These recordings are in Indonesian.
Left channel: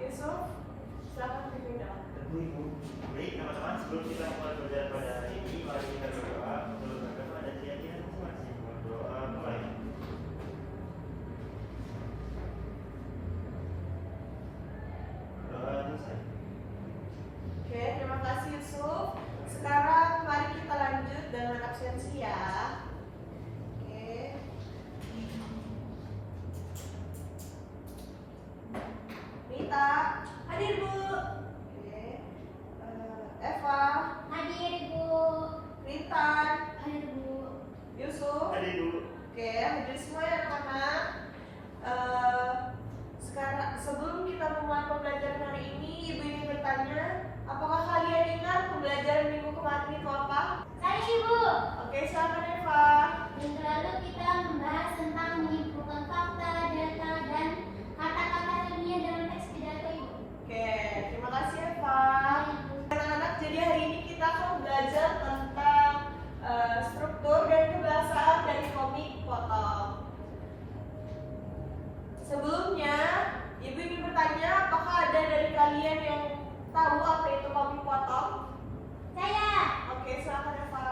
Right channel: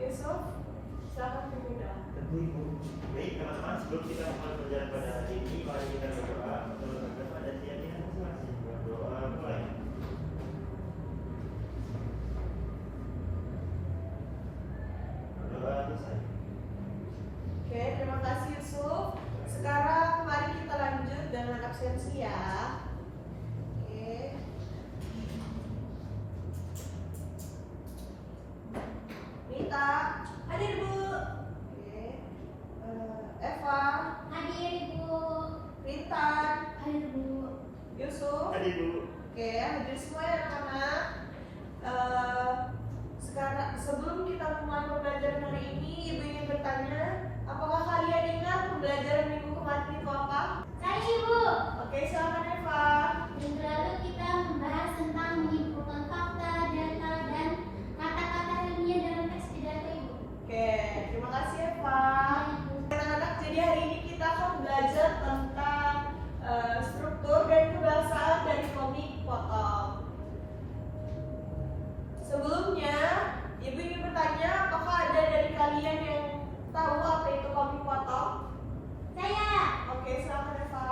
Yusuf, silakan diminta. Baik teman-teman, sebelum kita mulai belajar pada hari ini, mari kita berdoa untuk berdoa dan keyakinan masing-masing. Berdoa mulai. Berdoa selesai. Oke, terima kasih Yusuf. Sekarang mari kita lanjut dengan absensi ya. Oke. Nita, hadir Bu. Oke. Eva, Hadir Bu. Rintan, Hadir Bu. Yusuf. Hadir Bu. Oke, hadir semua ya anak-anak. Sekarang sebelum kita memulai pembelajaran hari ini, Ibu ingin bertanya, apakah kalian ingat pembelajaran minggu kemarin itu apa? Saya Ibu. Oke, silakan Eva. Minggu lalu kita membahas tentang menyimpulkan fakta, data, dan kata-kata ilmiah dalam teks pidato Ibu. Oke, terima kasih Eva. Anak-anak, jadi hari ini kita akan belajar tentang struktur dan kebahasaan dari komik potong. Sebelumnya, Ibu ingin bertanya, apakah ada dari kalian yang tahu apa itu komik potong? Saya. Oke, silakan Eva.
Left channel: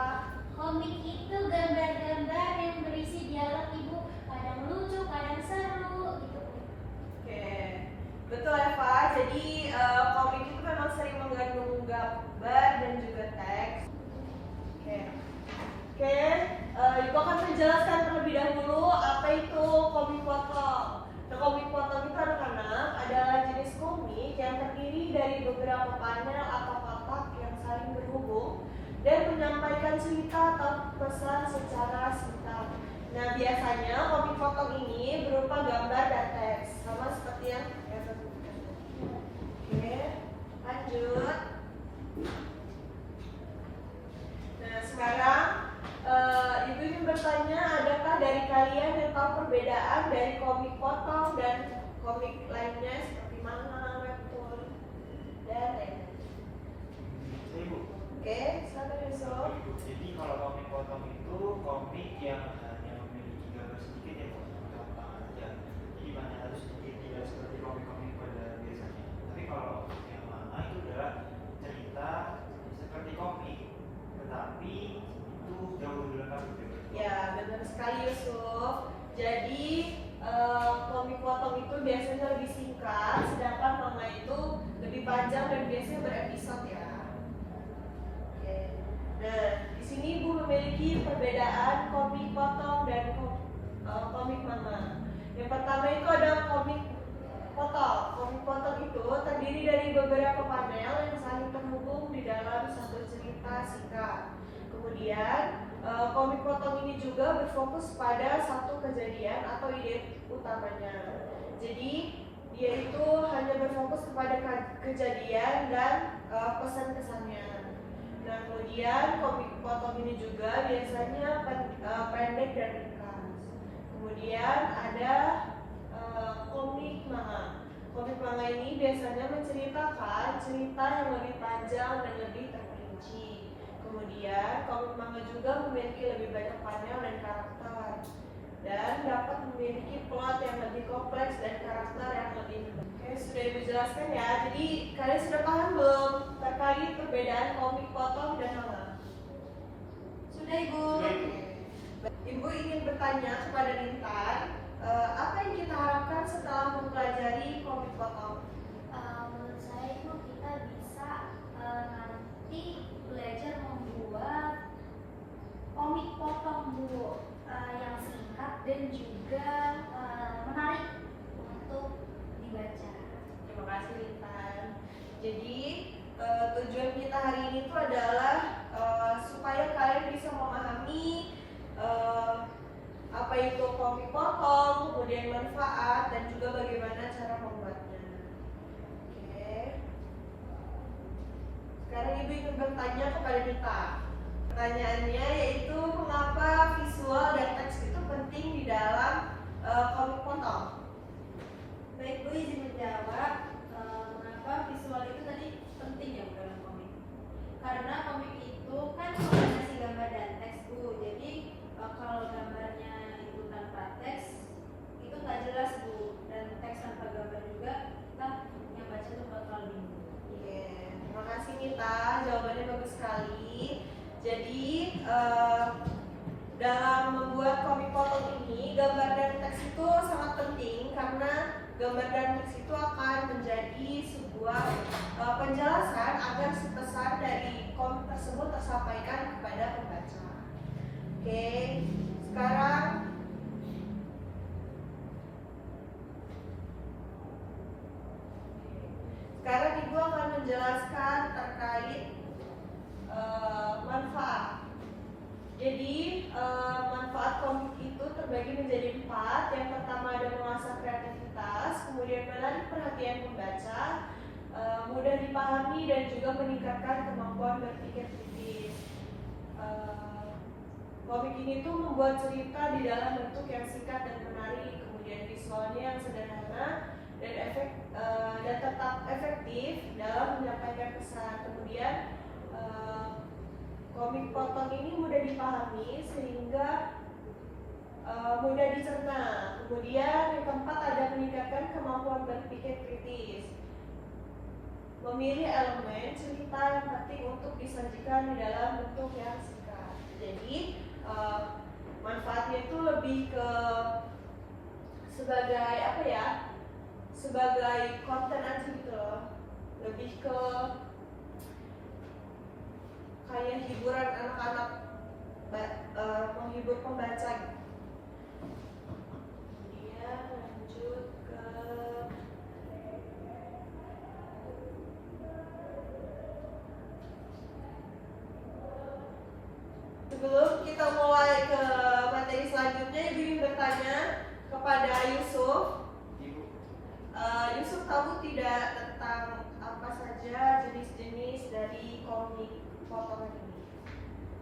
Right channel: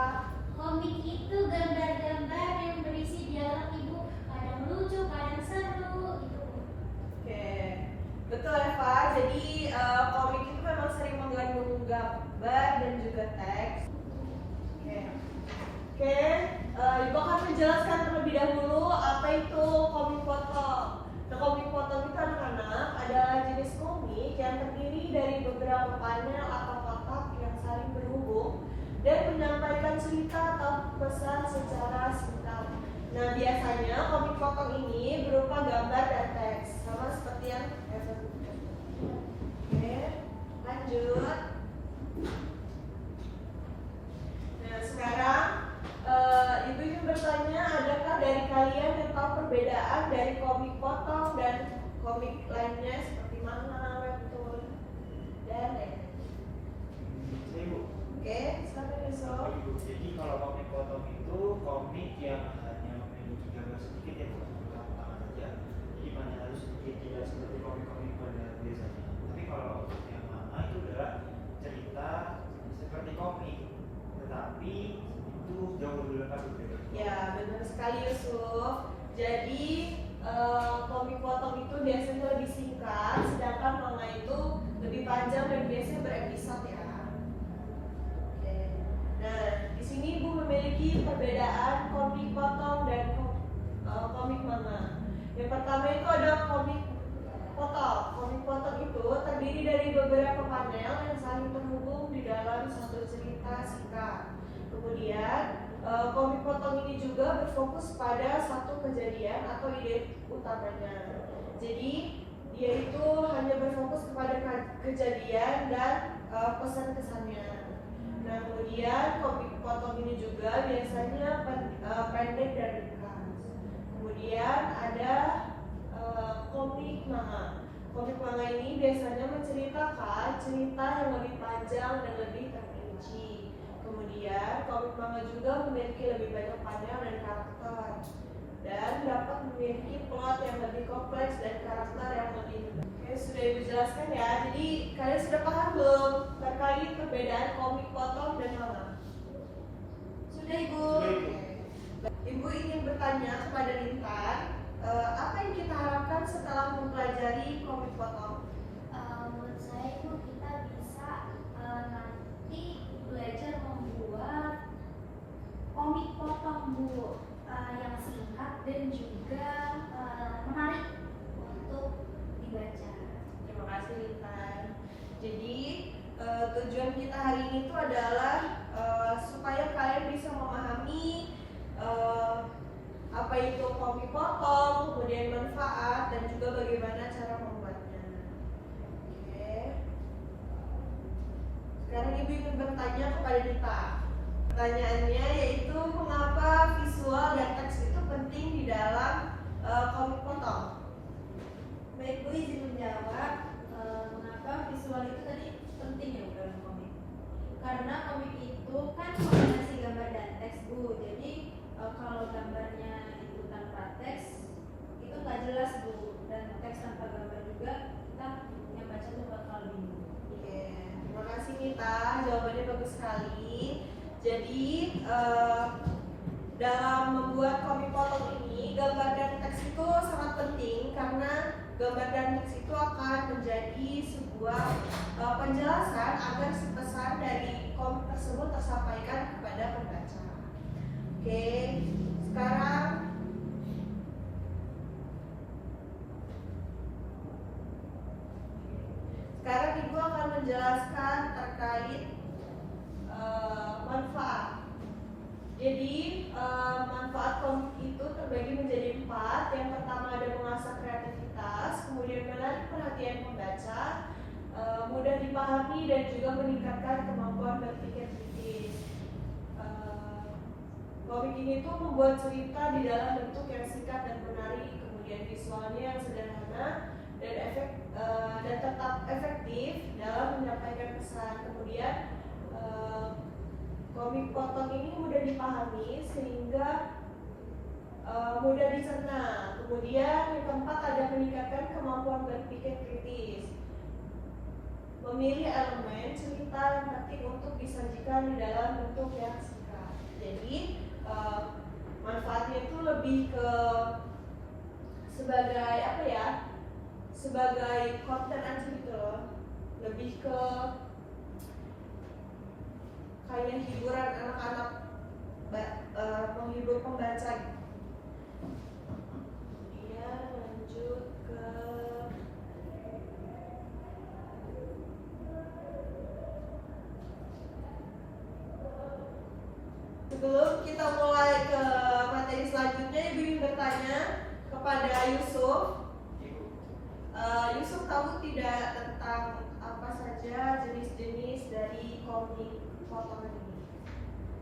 Komik itu gambar-gambar yang berisi dialog Ibu. Kadang lucu, kadang seru. Gitu. Oke, betul Eva. Jadi komik itu memang sering mengandung gambar dan juga teks. Oke, Ibu akan menjelaskan terlebih dahulu apa itu komik potong. Nah, komik potong itu anak-anak adalah jenis komik yang terdiri dari beberapa panel atau kapak yang saling terhubung dan menyampaikan cerita atau pesan secara singkat. Nah, biasanya komik potong ini berupa gambar dan teks, sama seperti yang Eva sebutkan. Oke, lanjut. Nah, sekarang Ibu ingin bertanya, adakah dari kalian yang tahu perbedaan dari komik potong dan komik lainnya seperti manga, webtoon, dan lain-lain? Saya Bu. Oke, silakan Yusuf. Jadi kalau komik potong itu komik yang hanya memiliki gambar sedikit ya Bu, potongan saja. Jadi hanya harus sedikit, tidak seperti komik-komik pada biasanya. Tapi kalau yang mana itu adalah cerita seperti komik, tetapi itu jauh lebih lengkap gitu. Ya, benar sekali Yusuf. Jadi komik potong itu biasanya lebih singkat, sedangkan manga itu lebih panjang dan biasanya berepisode ya. Oke. Nah, di sini Ibu memiliki perbedaan komik potong dan komik manga. Yang pertama itu ada komik potong. Komik potong itu terdiri dari beberapa panel yang saling terhubung di dalam satu cerita singkat. Kemudian komik potong ini juga berfokus pada satu kejadian atau ide utamanya. Jadi dia itu hanya berfokus kepada kejadian dan pesan-kesannya. Nah, kemudian komik potong ini juga biasanya pendek dan ringkas. Kemudian ada komik manga. Komik manga ini biasanya menceritakan cerita yang lebih panjang dan lebih terperinci. Kemudian komik manga juga memiliki lebih banyak panel dan karakter dan dapat memiliki plot yang lebih kompleks dan karakter yang lebih hebat. Oke, sudah Ibu jelaskan ya. Jadi kalian sudah paham belum terkait perbedaan komik potong dan manga? Sudah Ibu? Ibu ingin bertanya kepada Rintan, apa yang kita harapkan setelah mempelajari komik potong? Menurut saya Ibu, kita bisa nanti belajar membuat komik potong Bu, yang singkat dan juga menarik untuk dibaca. Terima kasih Rintan. Jadi tujuan kita hari ini itu adalah supaya kalian bisa memahami apa itu komik potong, kemudian manfaat dan juga bagaimana cara membuatnya. Oke. Sekarang Ibu ingin bertanya kepada Dita. Pertanyaannya yaitu mengapa visual dan teks itu penting di dalam komik potong? Baik Bu, izin menjawab mengapa visual itu tadi penting ya dalam komik. Karena komik itu kan kombinasi gambar dan teks Bu. Jadi kalau gambarnya itu tanpa teks itu nggak jelas Bu, dan teks tanpa gambar juga kita itu bakal bingung. Oke, terima kasih Nita, jawabannya bagus sekali. Jadi dalam membuat komik potong ini, gambar dan teks itu sangat penting karena gambar dan teks itu akan menjadi sebuah penjelasan agar pesan dari komik tersebut tersampaikan kepada pembaca. Oke, sekarang Ibu akan menjelaskan terkait manfaat. Jadi manfaat komik itu terbagi menjadi 4. Yang pertama ada mengasah kreativitas, kemudian menarik perhatian pembaca, mudah dipahami dan juga meningkatkan kemampuan berpikir kritis. Komik ini tuh membuat cerita di dalam bentuk yang singkat dan menarik, kemudian visualnya yang sederhana dan tetap efektif dalam menyampaikan pesan. Kemudian komik potong ini mudah dipahami sehingga mudah dicerna. Kemudian yang keempat ada meningkatkan kemampuan berpikir kritis. Memilih elemen cerita yang penting untuk disajikan di dalam bentuk yang singkat. Jadi manfaatnya itu lebih ke sebagai apa ya? Sebagai konten aja gitu loh. Lebih ke kayak hiburan anak-anak, menghibur pembaca gitu. Kemudian lanjut ke sebelum kita mulai ke materi selanjutnya, Ibu ingin bertanya kepada Yusuf. Yusuf tahu tidak tentang apa saja jenis-jenis dari komik potongan ini?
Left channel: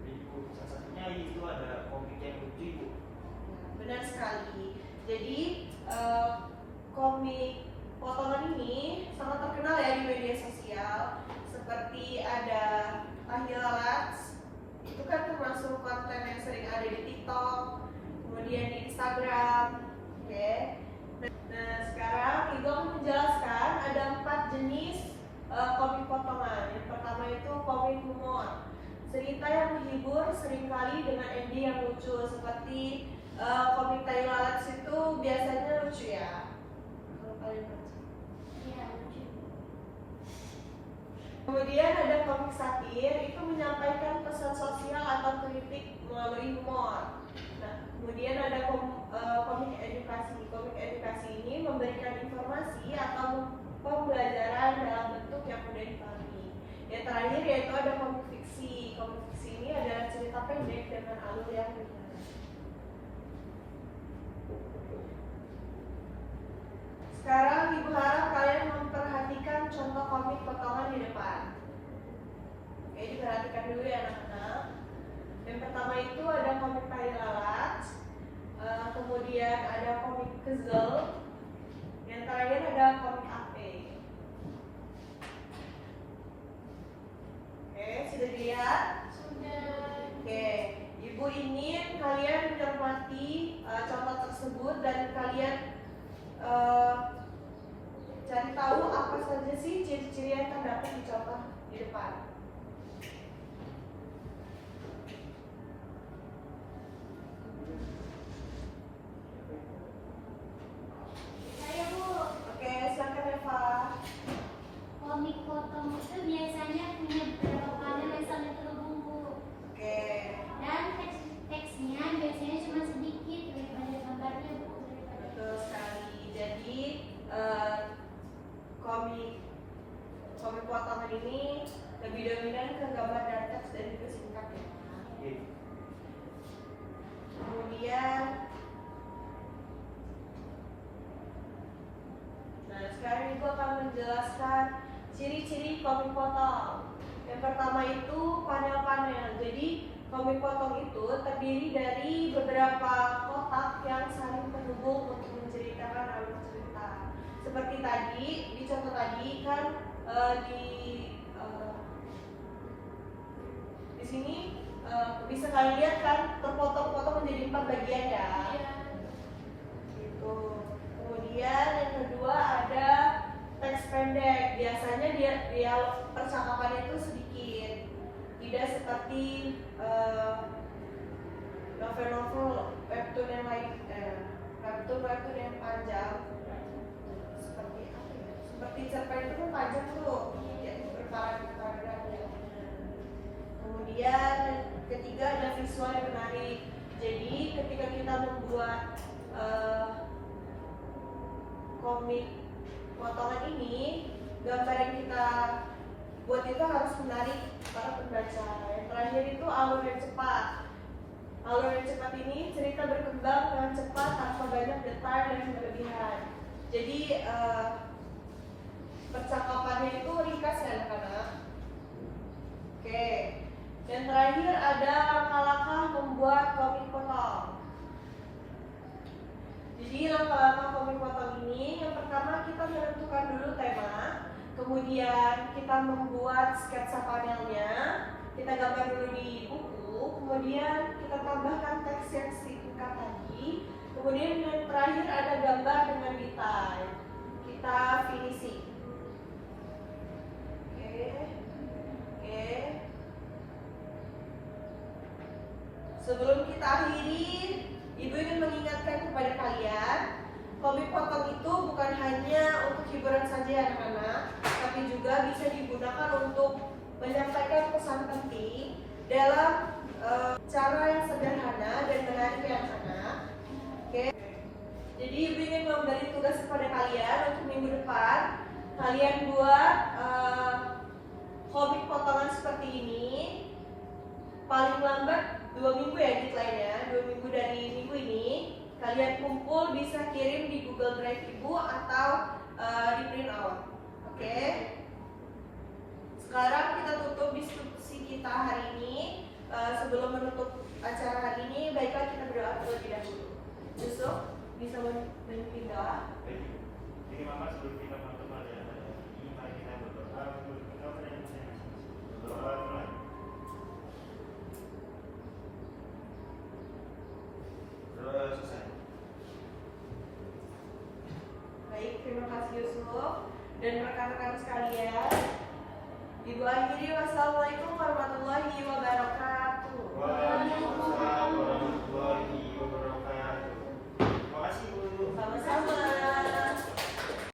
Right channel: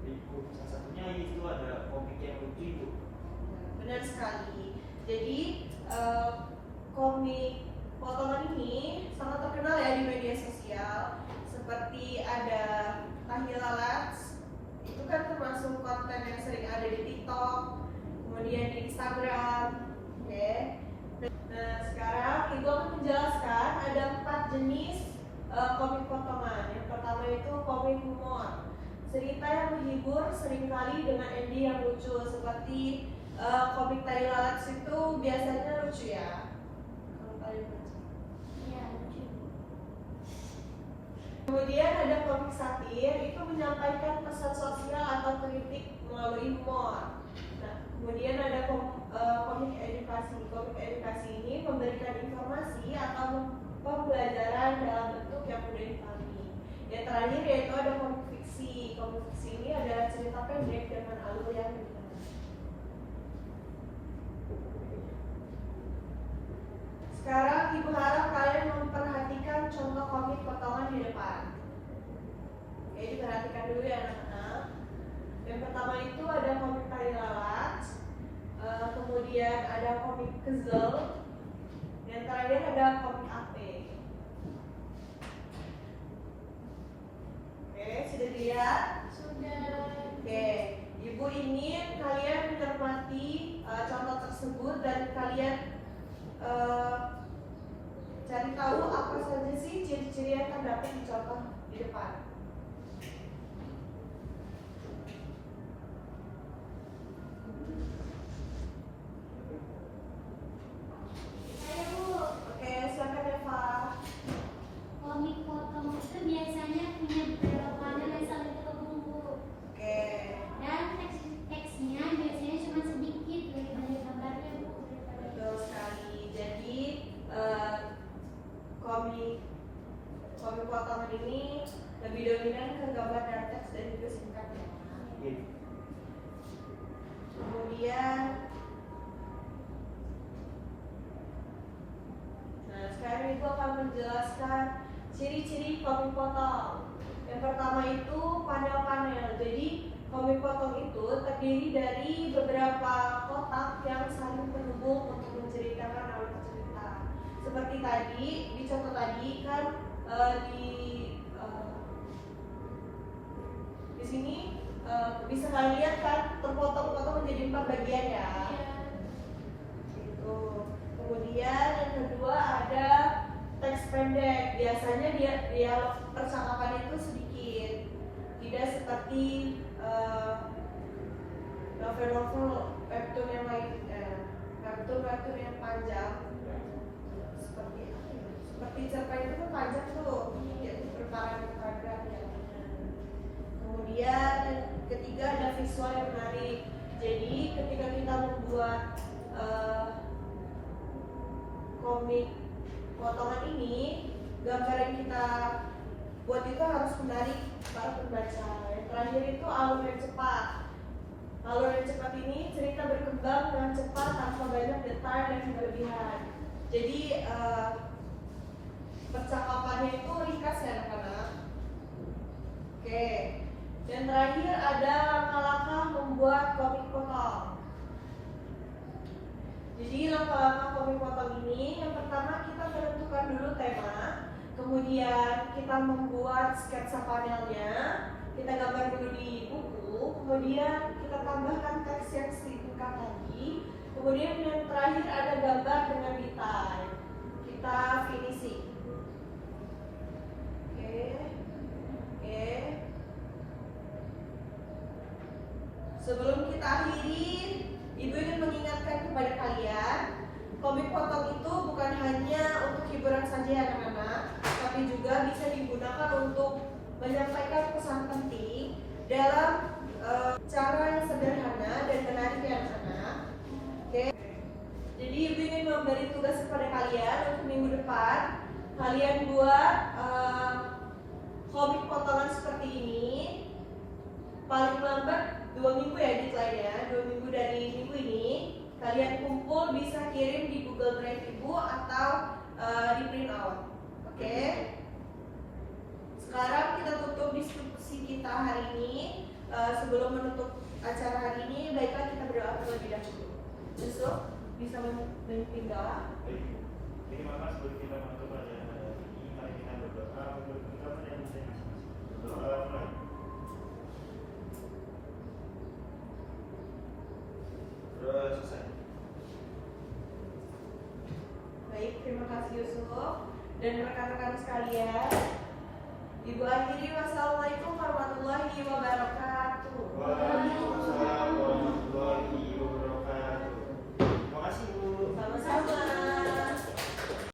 Ibu, salah satunya itu ada komik yang lucu, Bu. Benar sekali. Jadi komik potongan ini sangat terkenal ya di media sosial. Seperti ada Tahilalat, itu kan termasuk konten yang sering ada di TikTok, kemudian di Instagram. Oke. Nah, sekarang Ibu akan menjelaskan ada 4 jenis komik potongan. Yang pertama itu komik humor, cerita yang menghibur seringkali dengan ending yang lucu. Seperti komik Tahilalat itu biasanya lucu ya. Kamu kalian baca. Iya, lucu. Kemudian ada komik satir, itu menyampaikan pesan sosial atau kritik melalui humor. Nah, kemudian ada komik edukasi. Komik edukasi ini memberikan informasi atau pembelajaran dalam bentuk yang mudah dipahami. Yang terakhir yaitu ada komik fiksi. Komik fiksi ini adalah cerita pendek dengan alur yang ringan. Sekarang Ibu harap kalian memperhatikan contoh komik potongan di depan. Oke, diperhatikan dulu ya anak-anak. Yang pertama itu ada komik Tahilalat, kemudian ada komik Kezel, yang terakhir ada komik Ape. Oke, sudah dilihat? Sudah. Oke, Ibu ingin kalian mencermati contoh tersebut dan kalian cari tahu apa saja sih ciri-ciri yang terdapat di contoh di depan. Saya Bu, Oke, silakan Eva. komik potong itu biasanya punya beberapa panel yang saling terhubung Bu. Oke, Dan teksnya biasanya cuma sedikit daripada gambarnya Bu. betul sekali. Jadi komik potongan ini lebih dominan ke gambar dan teks dan juga singkat ya. Iya. Kemudian, nah sekarang Ibu akan menjelaskan ciri-ciri komik potong. Yang pertama itu panel-panel. Jadi komik potong itu terdiri dari beberapa kotak yang saling terhubung untuk menceritakan alur cerita. Seperti tadi, di contoh tadi kan di sini bisa kalian lihat kan terpotong-potong menjadi 4 bagian ya. Itu. Kemudian yang kedua ada teks pendek. biasanya dia percakapan itu sedikit, tidak seperti novel-novel webtoon yang lain, webtoon yang panjang seperti apa ya? Seperti cerpen itu kan panjang tuh, ya, berparagraf ya. Kemudian ketiga ada visual yang menarik. Jadi ketika kita membuat komik potongan ini, gambar yang kita buat itu harus menarik para pembaca. Yang terakhir itu alur yang cepat. Alur yang cepat ini cerita berkembang dengan cepat tanpa banyak detail dan berlebihan. Jadi percakapannya itu ringkas ya anak-anak. Oke. Yang terakhir ada langkah-langkah membuat komik potong. Jadi langkah-langkah komik potong ini, yang pertama kita menentukan dulu tema, kemudian kita membuat sketsa panelnya, kita gambar dulu di buku, kemudian kita tambahkan teks yang singkat lagi, kemudian yang terakhir ada gambar dengan detail. Kita finishing. Oke. Sebelum kita akhiri, Ibu ingin mengingatkan kepada kalian, komik potong itu bukan hanya untuk hiburan saja ya anak-anak, tapi juga bisa digunakan untuk menyampaikan pesan penting dalam cara yang sederhana dan menarik ya anak-anak. Oke. Jadi Ibu ingin memberi tugas kepada kalian untuk minggu depan, kalian buat komik potongan seperti ini, paling lambat 2 minggu ya deadline-nya, 2 minggu dari minggu ini kalian kumpul, bisa kirim di Google Drive Ibu atau di print out. Oke. Sekarang kita tutup diskusi kita hari ini. Sebelum menutup acara hari ini, baiklah kita berdoa terlebih dahulu. Yusuf, bisa memimpin doa? Baik. Jadi maka sebelum kita menutup acara ini, mari kita berdoa untuk kita dan berdoa mulai. Selesai. Baik, terima kasih Yusuf dan rekan-rekan sekalian. Ibu akhiri, wassalamualaikum warahmatullahi wabarakatuh. Waalaikumsalam warahmatullahi wabarakatuh. Terima kasih Bu. Sama-sama.